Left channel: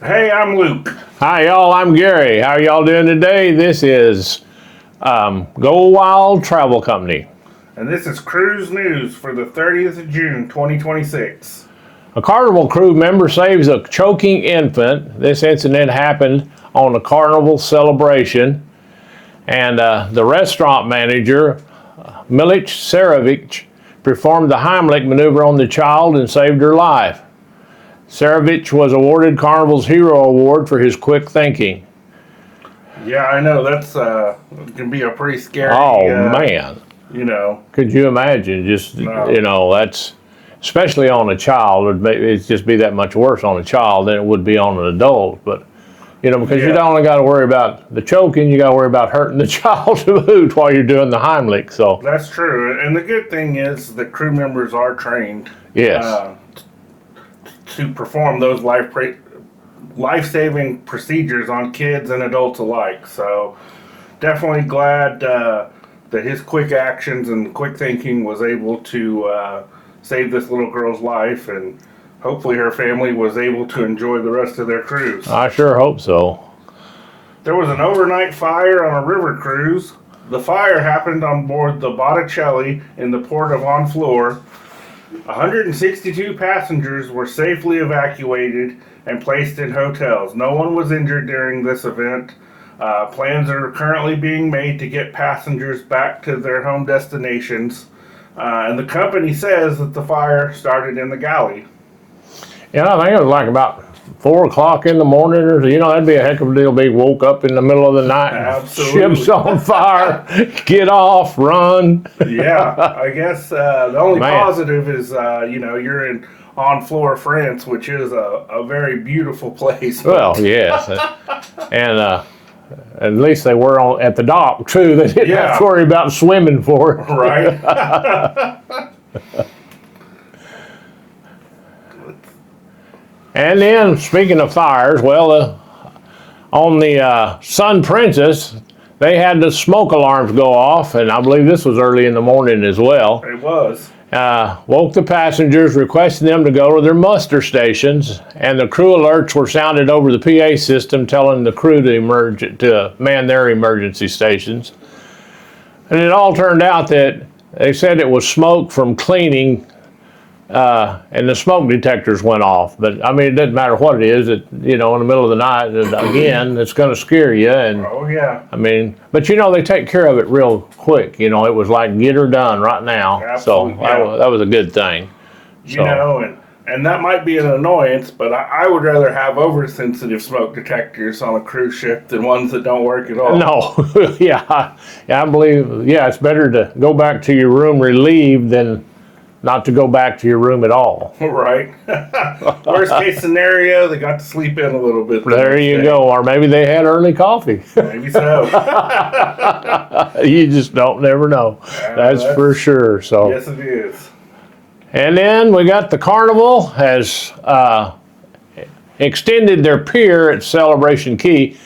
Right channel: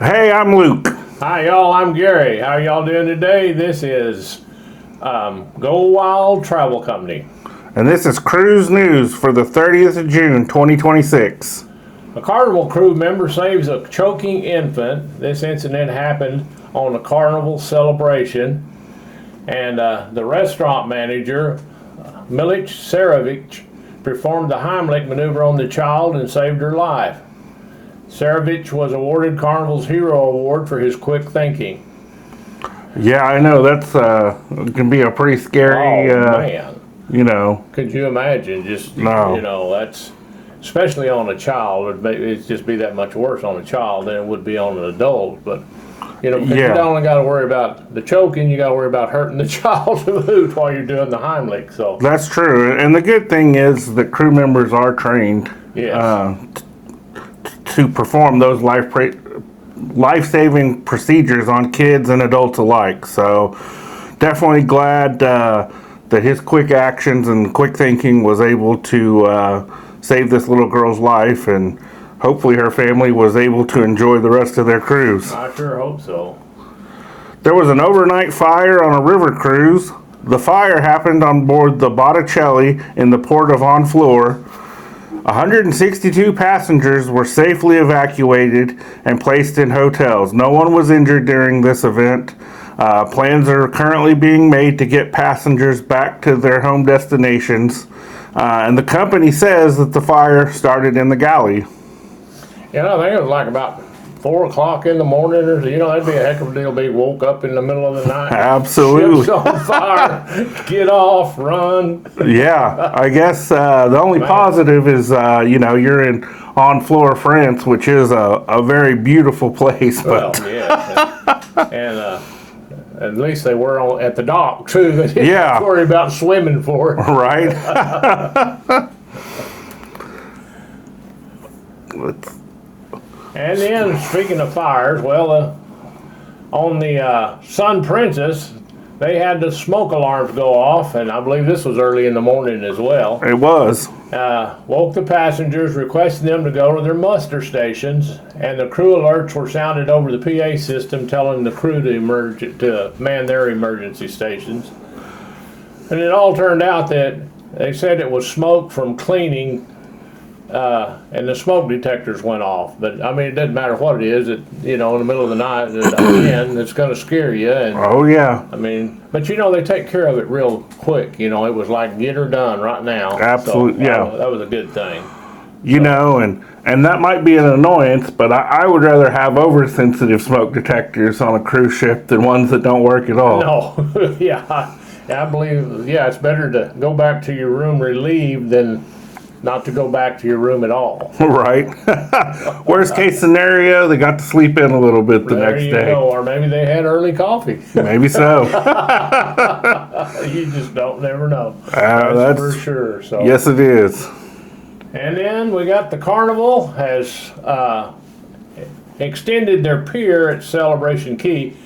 Hey, I'm Luke. Hi, y'all. I'm Gary. How are y'all doing today? This is Go Wild Travel Company. And this is Cruise News for the 30th of June, 2026. A Carnival crew member saves a choking infant. This incident happened on the Carnival celebration. And the restaurant manager, Milic Sarovic, performed the Heimlich maneuver on the child and saved her life. Sarovic was awarded Carnival's Hero Award for his quick thinking. Yeah, I know that's can be a pretty scary. Man. You know. Could you imagine? Just No. That's especially on a child. It'd just be that much worse on a child than it would be on an adult. But because you don't only got to worry about the choking, you got to worry about hurting the child too while you're doing the Heimlich. So That's true. And the good thing is that crew members are trained. Yes. To perform those life-saving procedures on kids and adults alike. So definitely glad that his quick actions and quick thinking was able to save this little girl's life, and hopefully her family was able to enjoy the rest of their cruise. I sure hope so. There was an overnight fire on a river cruise. The fire happened on board the Botticelli in the port of Honfleur. 162 passengers were safely evacuated and placed in hotels. No one was injured during this event. Plans are currently being made to get passengers back to their home destinations. And the company says that the fire started in the galley. I think it was like about 4 o'clock in the morning, or that'd be a heck of a deal. Be woke up in the middle of the night. Absolutely. Ship's on fire. Get off, run. Yeah, I guess the only positive is you're in Honfleur, France, which is a very beautiful place. Well, yes, and at least they were at the dock too. They didn't have to worry about swimming for it. Right. And then, speaking of fires, on the Sun Princess, they had the smoke alarms go off, and I believe this was early in the morning as well. It was. Woke the passengers, requesting them to go to their muster stations, and the crew alerts were sounded over the PA system, telling the crew to man their emergency stations. And it all turned out that they said it was smoke from cleaning. And the smoke detectors went off, but it doesn't matter what it is. In the middle of the night, again, it's going to scare you. And oh yeah. But they take care of it real quick. It was like get her done right now. Absolutely. So that was a good thing. And that might be an annoyance, but I would rather have oversensitive smoke detectors on a cruise ship than ones that don't work at all. No, I believe it's better to go back to your room relieved than not to go back to your room at all. Right. Worst case scenario, they got to sleep in a little bit the next day. There you go. Or maybe they had early coffee. Maybe so. You just never know. That's for sure. So yes, it is. And then we got the Carnival has extended their pier at Celebration Key.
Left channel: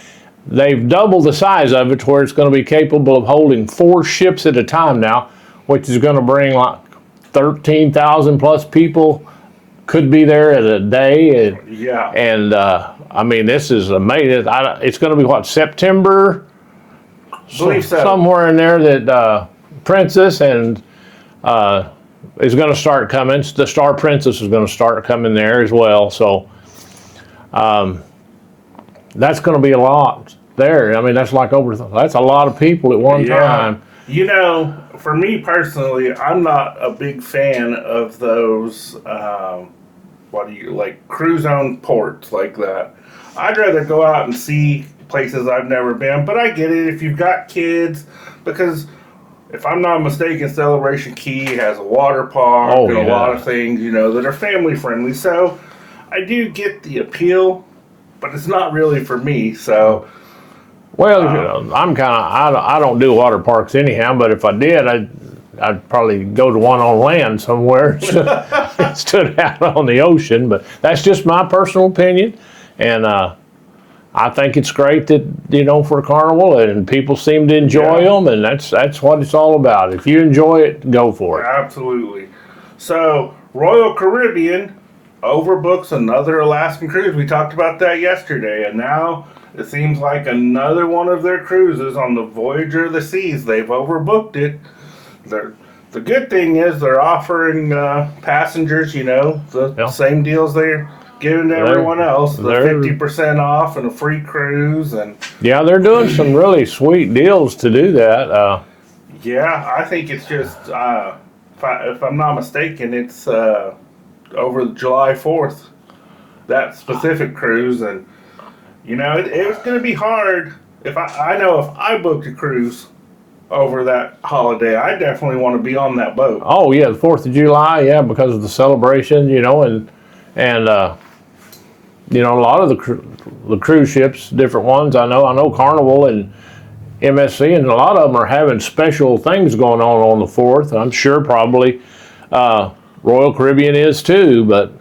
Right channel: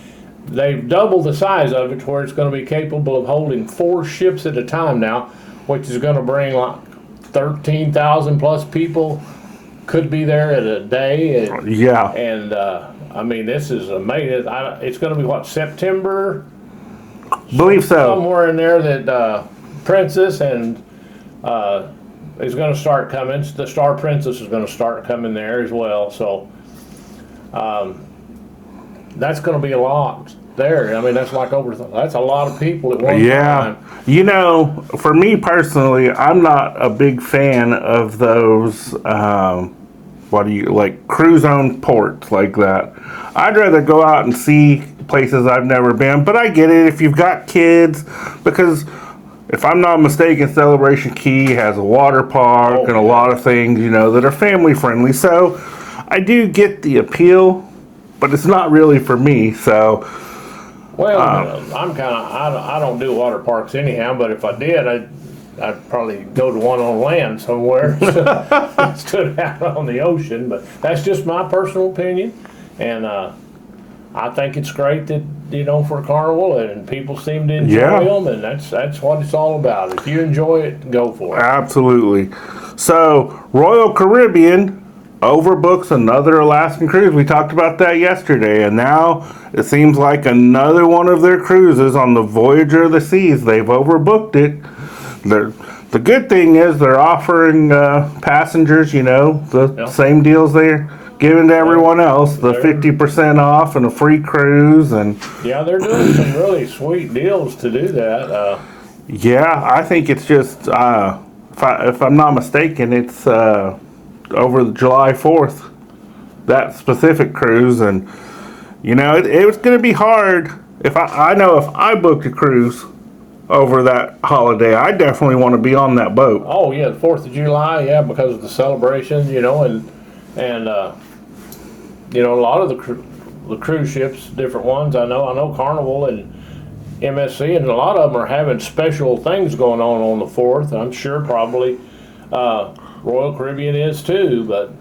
They've doubled the size of it to where it's going to be capable of holding 4 ships at a time now, which is going to bring like 13,000 plus people could be there at a day. And this is amazing. It's going to be September? Believe so. Somewhere in there that Princess and is going to start coming. The Star Princess is going to start coming there as well. So that's going to be a lot there. That's like that's a lot of people at one time. For me personally, I'm not a big fan of those, cruise-owned ports like that. I'd rather go out and see places I've never been, but I get it if you've got kids, because if I'm not mistaken, Celebration Key has a water park and a lot of things, that are family-friendly. So I do get the appeal, but it's not really for me, so... I don't do water parks anyhow, but if I did, I'd probably go to one on land somewhere instead of out on the ocean. But that's just my personal opinion, and I think it's great that for a Carnival, and people seem to enjoy them, and that's what it's all about. If you enjoy it, go for it. Absolutely. So Royal Caribbean overbooks another Alaskan cruise. We talked about that yesterday, and now it seems like another one of their cruises on the Voyager of the Seas, they've overbooked it. The good thing is they're offering passengers, the same deals they're giving to everyone else, the 50% off and a free cruise. And yeah, they're doing some really sweet deals to do that. Yeah, I think it's just, if I'm not mistaken, it's over July 4th, that specific cruise. And, it was going to be hard. I know if I booked a cruise over that holiday, I definitely want to be on that boat. Oh, yeah, the 4th of July, yeah, because of the celebrations, and a lot of the cruise ships, different ones, I know Carnival and MSC, and a lot of them are having special things going on the 4th. I'm sure probably Royal Caribbean is too, but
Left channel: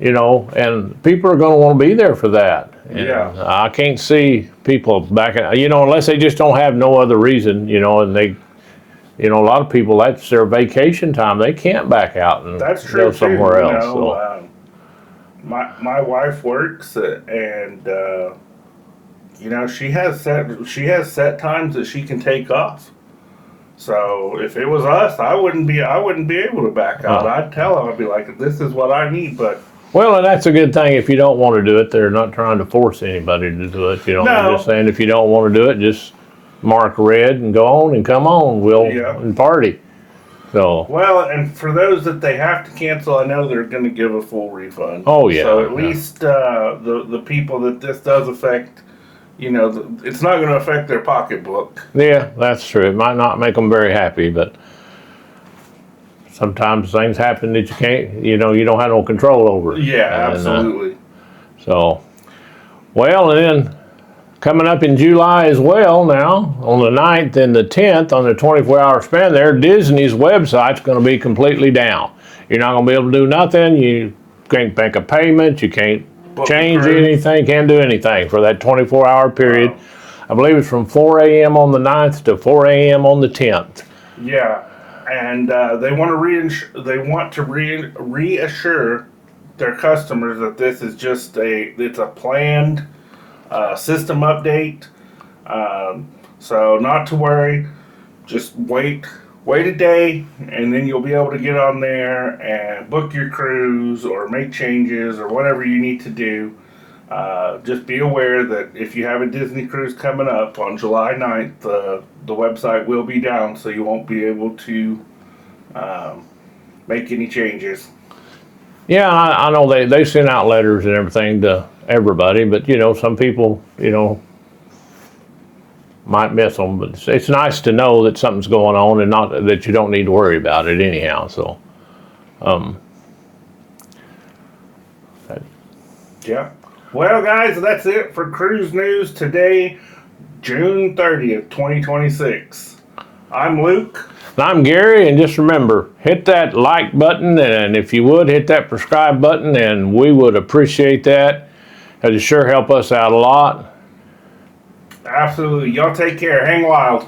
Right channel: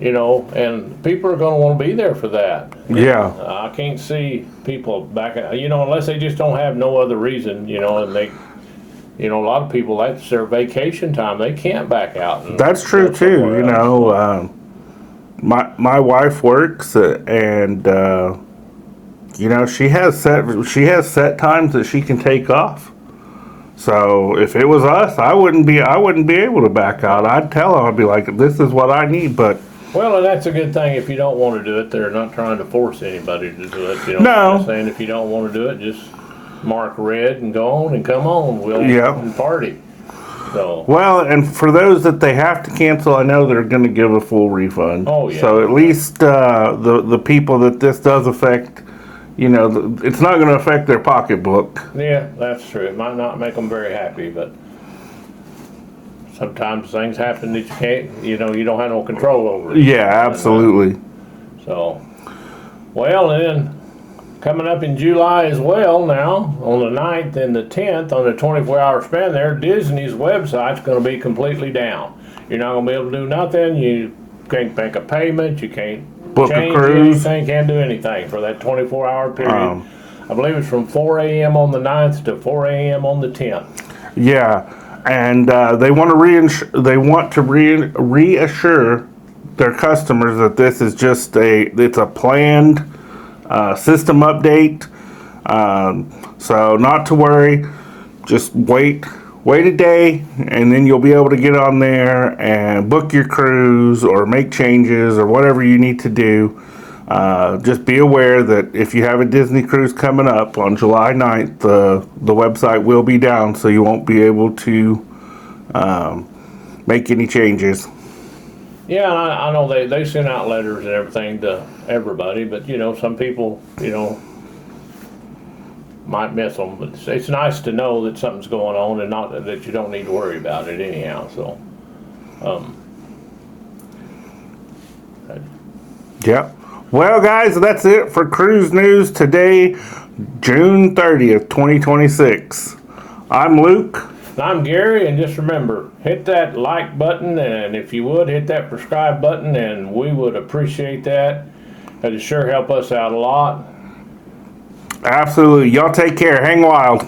and people are going to want to be there for that. Yeah. And I can't see people backing, unless they just don't have no other reason, and they, a lot of people, that's their vacation time. They can't back out. And that's true too. My wife works and she has set times that she can take off. So if it was us, I wouldn't be able to back out. I'd tell her, I'd be like, this is what I need. But well, and that's a good thing. If you don't want to do it, they're not trying to force anybody to do it. No. They're just saying if you don't want to do it, just mark red and go on and come on. We'll and party. So well, and for those that they have to cancel, I know they're going to give a full refund. Oh yeah. So at least the people that this does affect, it's not going to affect their pocketbook. Yeah, that's true. It might not make them very happy, but sometimes things happen that you can't, you don't have no control over it. Yeah, absolutely. So, well, and then coming up in July as well now, on the 9th and the 10th, on the 24-hour span there, Disney's website's going to be completely down. You're not going to be able to do nothing. You can't make a payment. You can't change anything, can't do anything for that 24-hour period. I believe it's from 4 a.m. on the 9th to 4 a.m. on the 10th. Yeah, and they want to reassure their customers that this is just it's a planned system update. So not to worry, just wait a day, and then you'll be able to get on there and book your cruise or make changes or whatever you need to do. Just be aware that if you have a Disney cruise coming up on July 9th, the website will be down, so you won't be able to make any changes. Yeah, I know they send out letters and everything to everybody, but some people might miss them. But it's nice to know that something's going on and not that you don't need to worry about it anyhow. So, Yep. Well, guys, that's it for Cruise News today, June 30th, 2026. I'm Luke. And I'm Gary, and just remember, hit that like button, and if you would, hit that subscribe button, and we would appreciate that. It'll sure help us out a lot. Absolutely. Y'all take care. Hang wild.